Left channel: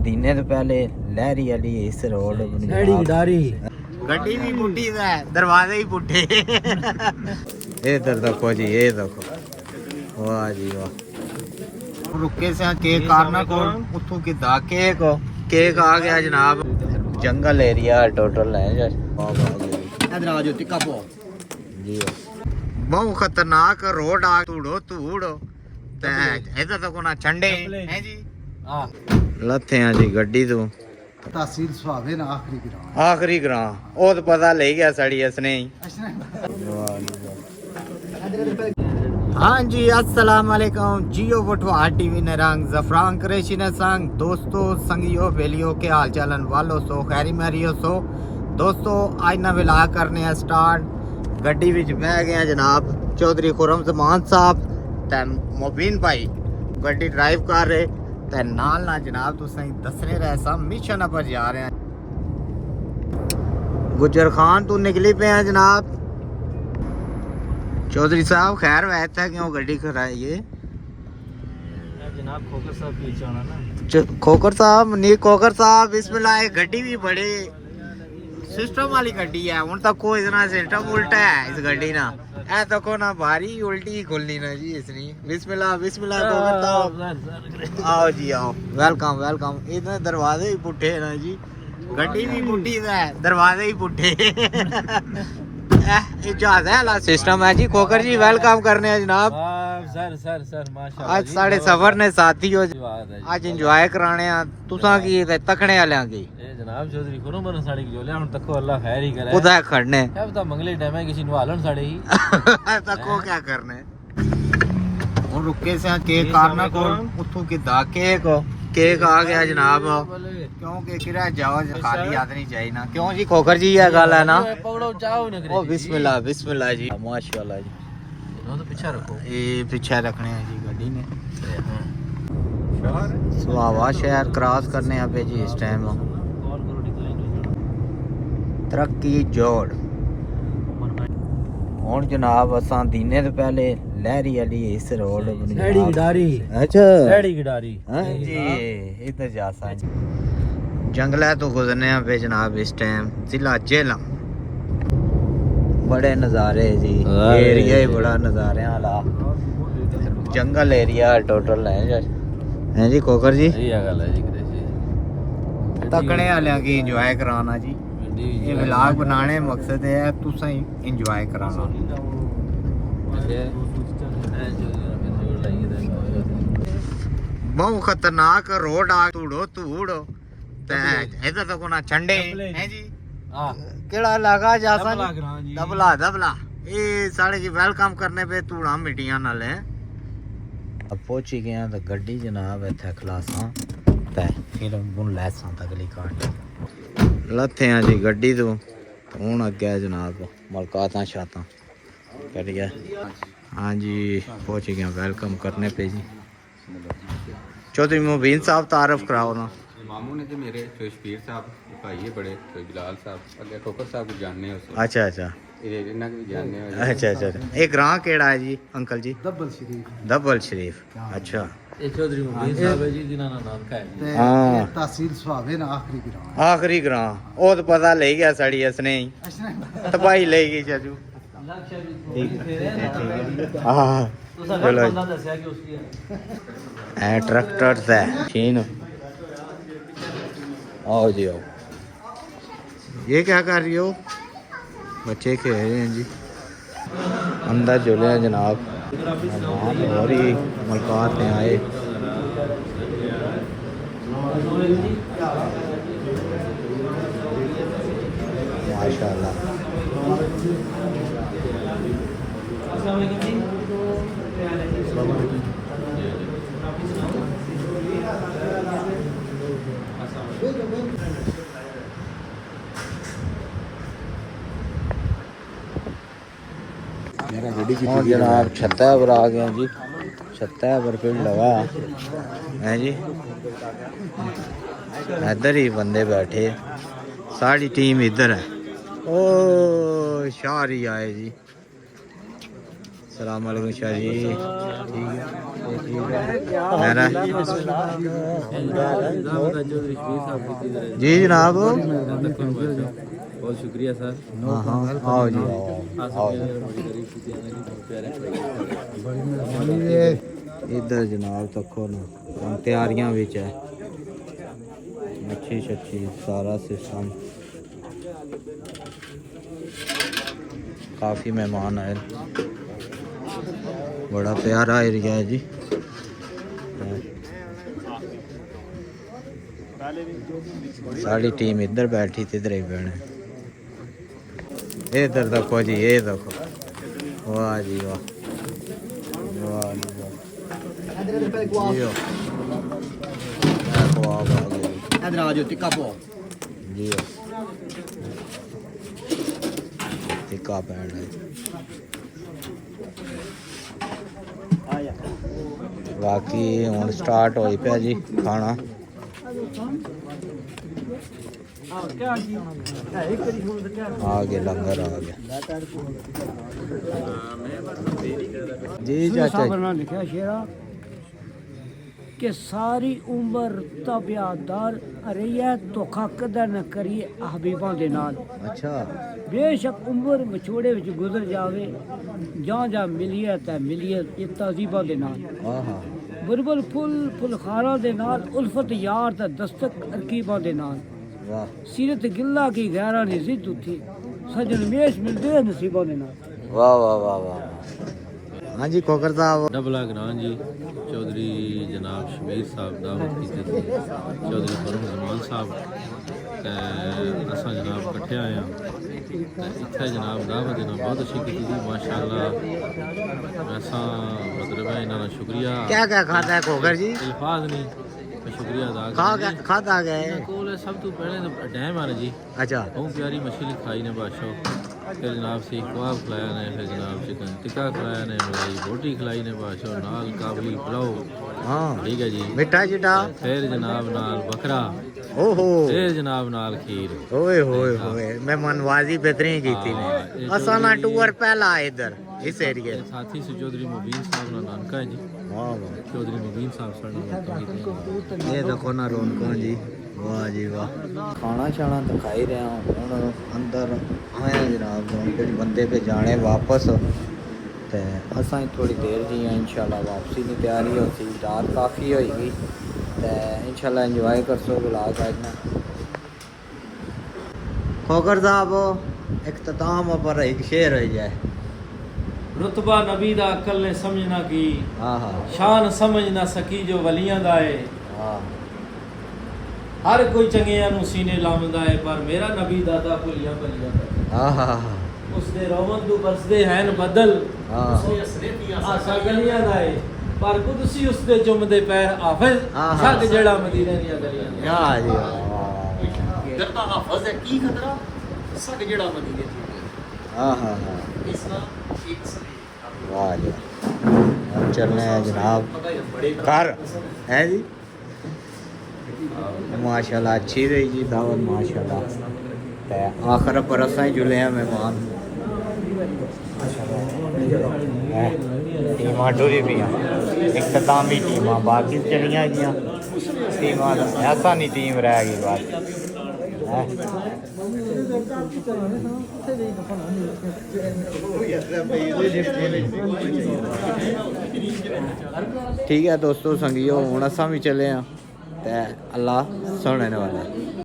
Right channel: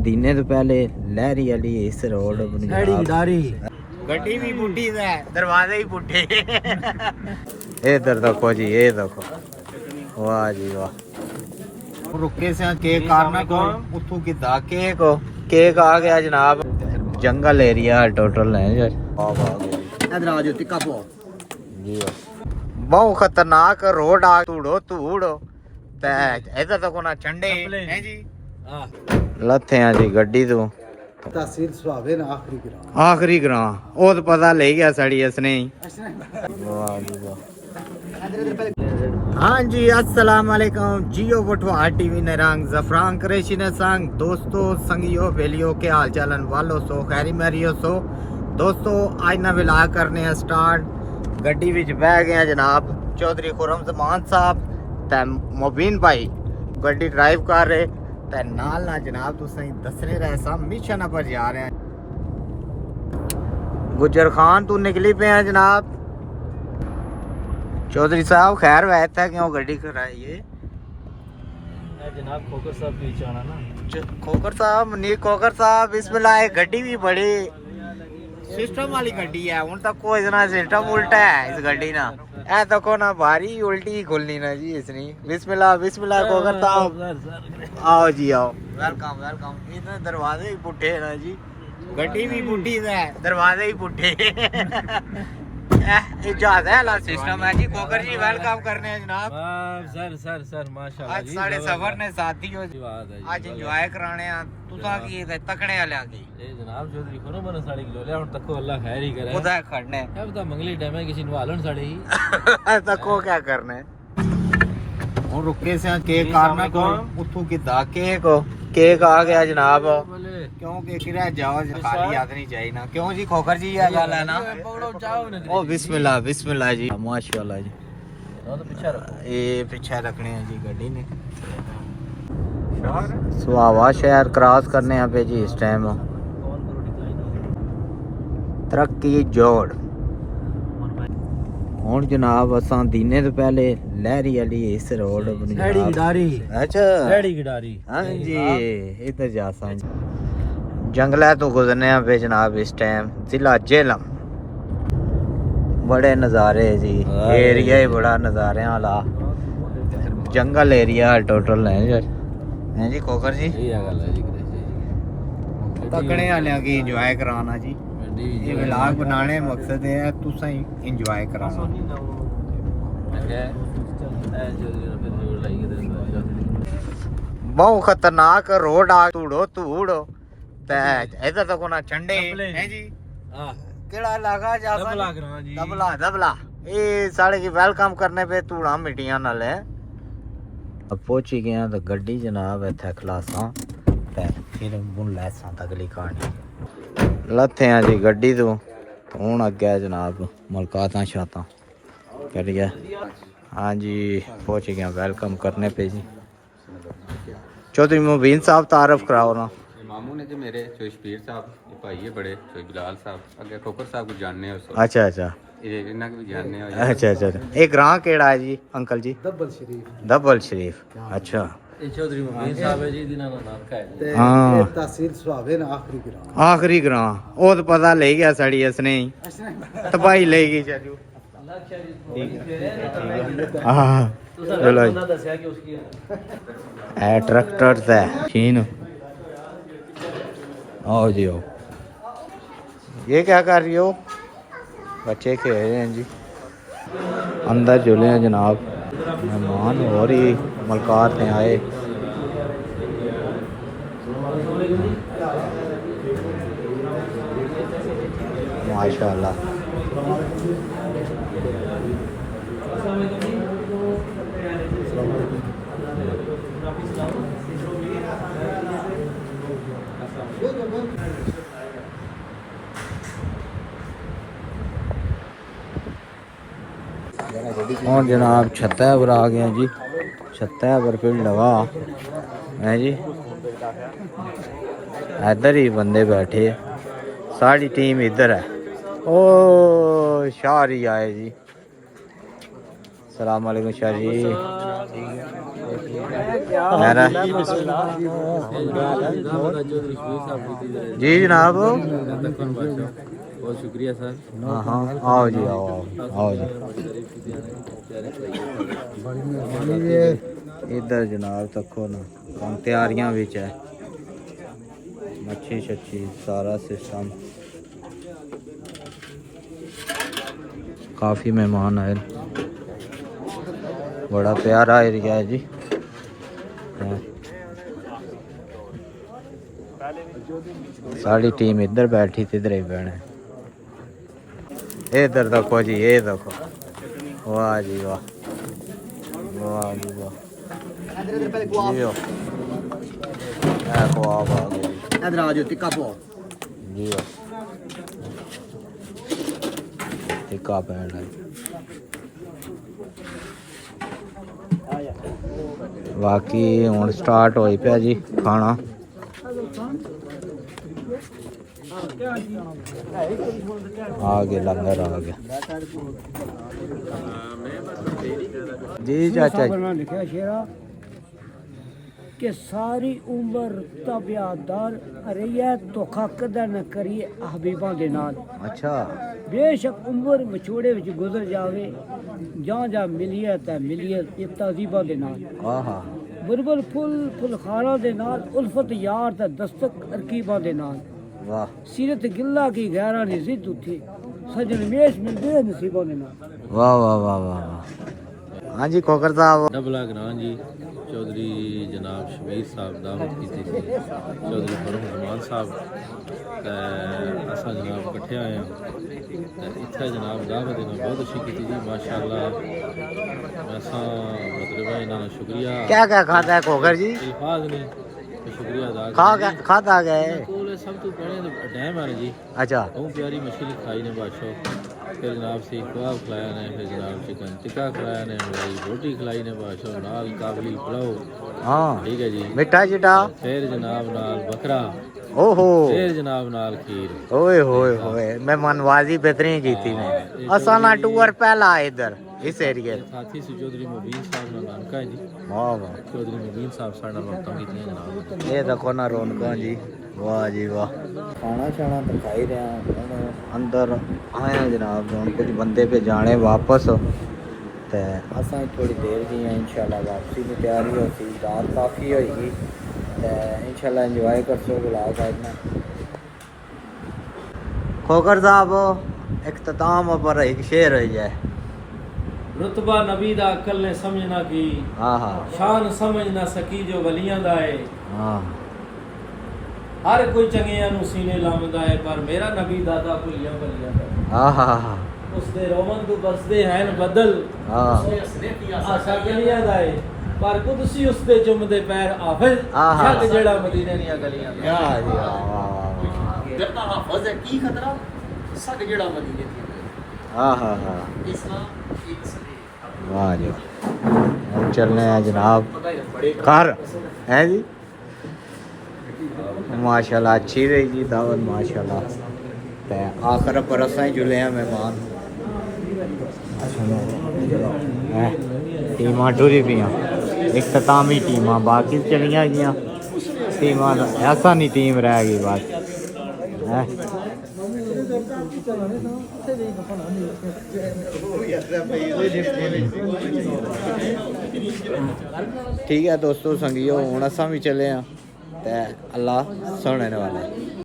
दीने तो पहले लहरी वाली इस रोड गड्डी भी पुट्ठी है, दरवाजे ही पुट्ठे। इधर देखो जी, ये देखो, वाह जी वाह। रुके से केक कारना को उठू किदा केक आ गया जनाब। जंगल एरिया टोटल है जी। बहुत खतरनाक रोड आ तूड़ो इधर तक ना चंडे हैं जी। लथे हैं जी गड्डी तो तहसील सुहागे ना आखिरी ग्रां वो तो पता ले गया सड़ी इसने। हाँ जी, अस्सलाम वालेकुम जियो वटवा टीवी ने रंग जफरान करेशी ने संग दोस्तों संगियो वेलियो के हाल चालन वालो सो खैरी मैरियो सो दोस्तों आज ना विला करने हैं स्टार्ट। गड्डी विच बह गए जनाब चौधरी खुरम जमान साहब ते मुबीन भाई गड्डी ड्राइव कर रहे ते नाल ना जनाब तुसें दसने रहे सा मिशन पर जा रहे हैं। गुजर खान तू निकली पे हैं जनाब। चौधरी साहब खैर वैसे है क्यों गड्डी कराइए जनाब खोकर साहब पीछे आना ना। खोकर साहब नहीं खोकर साहब बिस्मिल्लाह गड्डी भी बड़ी सिस्टम वाली गड्डी है। उन तक कोई इतना सिस्टम उल्टा है इस गड्डी ना ऐ तको ना भारी उल्टी खुलनी ना जी इसनी। बिस्मिल्लाह बिस्मिल्लाह खोकर साहब आओ जी आओ, वेलकम वेलकम। इतने दरवाजे ही पुट्ठे है ना जी, गड्डी भी पुट्ठी है दरवाजे ही पुट्ठे। इजाजत सिस्टम है जी। खोकर जी वेलकम करने हैं जनाब। सर माशाल्लाह आज साढ़े सफर ने साथी हो आज इंजॉय कराने तुसा की तकने वाले की जनाब चौधरी को मन साड़ी जोले हुन तको अल्लाह खैर ही करे। खुदा खड़ने अब तो मंगली टाइम है किसी नवालन साड़े ही तको क्या करने। और रुके से केक कारना को उठू किदा केक आ गया जनाब। क्योंकि किरा जाओ खाली हाथ नहीं चाहिए ना क्यों जी खोकर जी ये गल है ना। बिस्मिल्लाह बिस्मिल्लाह जी माशाल्लाह जी। तो पीछे रखो ये पीछे रखने हैं जी गड्डी ने। सुहावा शहर क्रॉस करने हैं पे जी इस टाइम तरक्की जोड़। हुन जनाब असां दीने तो पहले लहरी वाली इस रोड अच्छा हाँ जी इधर जा सा जंगला तो गुजरने पे जनाब इस टाइम जिला झेलम। बड़े नज़ारे जी, एरिया ही बड़ा नज़ारे वाला जंगल एरिया टोटल है जी। खोकर जी तकने वाले की इंजॉय कराना जी। ये व्लॉग बनाने मकसद है तुसा इंजॉय कराना। बहुत खतरनाक रोड आ तूड़ो इधर तक ना चंडे हैं जी। केड़ा लगा जा दबला ये साढ़े की वेलकम करने पे तूड़ा मिट्टियां नाल है। पहुंची गया तो गड्डी जनाब इत्थे खलासा ते फिर बुन लैसा तकली कहानी लथे हैं जी गड्डी तो हूँ अगे जनाब मुलाकात शाता कर गया। हाँ जी पहुंच गया वेलकम करने पे जी। चौधरी मुबीन साहब तारफ कराओ ना। मामू ने जो मेरे शबीर साहब भाई है बड़े बिलाल साहब अगे खोकर साहब को जानने हो। अच्छा अच्छा इन्ना भी जानने अच्छा अच्छा। ये ग्रां केड़ा है जी अंकल जी? दब्बल शरीफ अच्छा। चौधरी मुबीन साहब है जी जिन्हां दा नाम है तहसील सुहागे ना आखिरी ग्रां वो तो पता ले गया सड़ी इसने तो भाई ले गई चाचू। ट्रैक्टर से फिन ओ जी ओ ये क्या कर रही हो? बच्चे खेल रहे हैं जी अंदर झूले हैं जनाब। और ही मुलाकात में आए माशाल्लाह। जनाब छत्ता पर आ गए जी। छत्ता पर फिर लगा है जी। इधर ही बंदे बैठे हैं सारी टीम इधर है। ओ शाह ही आए जी। सलाम वालेकुम शाह जी। ठीक है मेरा जी जनाब बहुत शुक्रिया सर। हाँ हाँ आओ जी आओ इधर जनाब तको ना हम तैयारियां विच है मच्छी शच्छी सारा सिस्टम काफ़ी मेहमान आए बड़ा प्यारा एरिया है जी सारी टीम इधर बैठी थी इधर ही बैठे इधर देखो जी ये देखो वाह जी वाह वाह जी वाह जियो देखो आप आ गए इधर आ जाओ टिक्का पाओ। जियो टिक्का पैना बाकी हुण स्टार्ट हो पिया जी खाना आ गया लंगर आ गया जी चाचा जी। लिखा शेरा कि सारी उम्र तबियादार रहिए धोखा कदा न करिए हबीबां दे नाल। अच्छा बेशक उम्र विछोड़े विच गुजर जावे ਜਾਂ ਮਿਲੀਏ ਤਾਂ ਮਿਲੀਏ ਇਹ ਤਜ਼ੀਬਾਂ ਦੇ ਨਾਲ ਆਹਾ ਬੁਲਬੁਲ ਫੁੱਲ ਫੁਲਖਾਰਾਂ ਦੇ ਨਾਲ ਉਲਫਤ ਯਾਰ ਦਾ ਦਸਤਕ ਅਰਕੀਬਾਂ ਦੇ ਨਾਲ ਵਾਹ ਸੀਰਤ ਗਿੱਲਾ ਕੀ ਗਹਿਰਾ ਨੇ ਜ਼ਿੱਦ ਉੱਥੇ ਸਜਣ ਮੇਸ਼ ਮਿਲਦੇ ਨਸੀਬਾਂ ਦੇ ਨਾਲ ਵਾਹ ਵਾਹ ਵਾਹ ਵਾਹ ਹਾਂਜੀ ਕੋਕਰ ਸਾਹਿਬ डबला ग्रां जी चौधरी जनाब शमीर साहब दावत की थी चौधरी फरूख रमान साहब असा जनाब इकट्ठे आए हैं इतना जनाब दावत इन्होंने बहुत अच्छी की थी माशाअल्लाह ऐसा मतलब है इन्होंने शुक्रिया क्या खाता है कोकर जी अल्फाज नहीं तो शुक्रिया अदा खाता गए कोल सब तो पहले डैम आ जी अच्छा बहुत प्यारी मछली खाई ने बादशाह फिर जनाब सीख कबाब खिलाया ने फिर जनाब चिकन टिक्का खिलाया ने मलाई रोटी खिलाई ने बादशाह नाल काबली पुलाव हाँ ठीक है जी मिठा चिटा फिर जनाब नाल बकरा ओहो फिर जनाब नाल खीर ओए होए होए मेहमानवाजी बेहतरीन की थी ने असाना टूर पहला इधर इस एरिया साथी से चौधरी मुबीन साहब ना नानका है जी वाह वाह चौधरी मुबीन साहब साडा रौनक कीते ये देखो ना रौनक जी वाह जी वाह खाना शाना तो खा ही रहा हूँ अंदर आए जनाब कुछ बंदे पे जाने वापस ते असा थोड़ी देर जी इंशाल्लाह वापसी की तैयारी होती रात काफ़ी होगी ते इंशाल्लाह एंजॉय कर सो बुलाग आज खोकर साहब इख्तिताम पर एक शेर हो जाए रुतबा नबी दा अकल ने समझ ना की हाँ हाँ शान समझ ना सकी जो वलियां दा है हाँ हर कोई चंगियां नु सीने लामदा है पर मेरा नबी दादा भुलिया भलिया हाँ हाँ हाँ उसदे रोमन तू बरसदे हैं बदल हाँ आशा गलियां दा है पर कुदसी उसदे चुमदे पैर हाफिज हाँ, हाँ। शक जेड़ा मदीने दी गलियां दा क्या जी वाह डरता हाफिज है की खतरा शक जेड़ा मदीने दी हाँ हाँ हाँ इस्लाम एक से हाँ जी चल रहे हैं जनाब घर है जी माशाल्लाह अच्छी रही जी दावत माशाल्लाह ते आखिर पर असा ही जुले हैं मेहमान टीमां टुरी पी इख्तितामी टीमां बाकी चलियां गई टीमां ऐसा नहीं टीम रह गई बस ठीक है दोस्तों संगियो हुण असां भी चले हैं ते अल्लाह सुनने वाला है।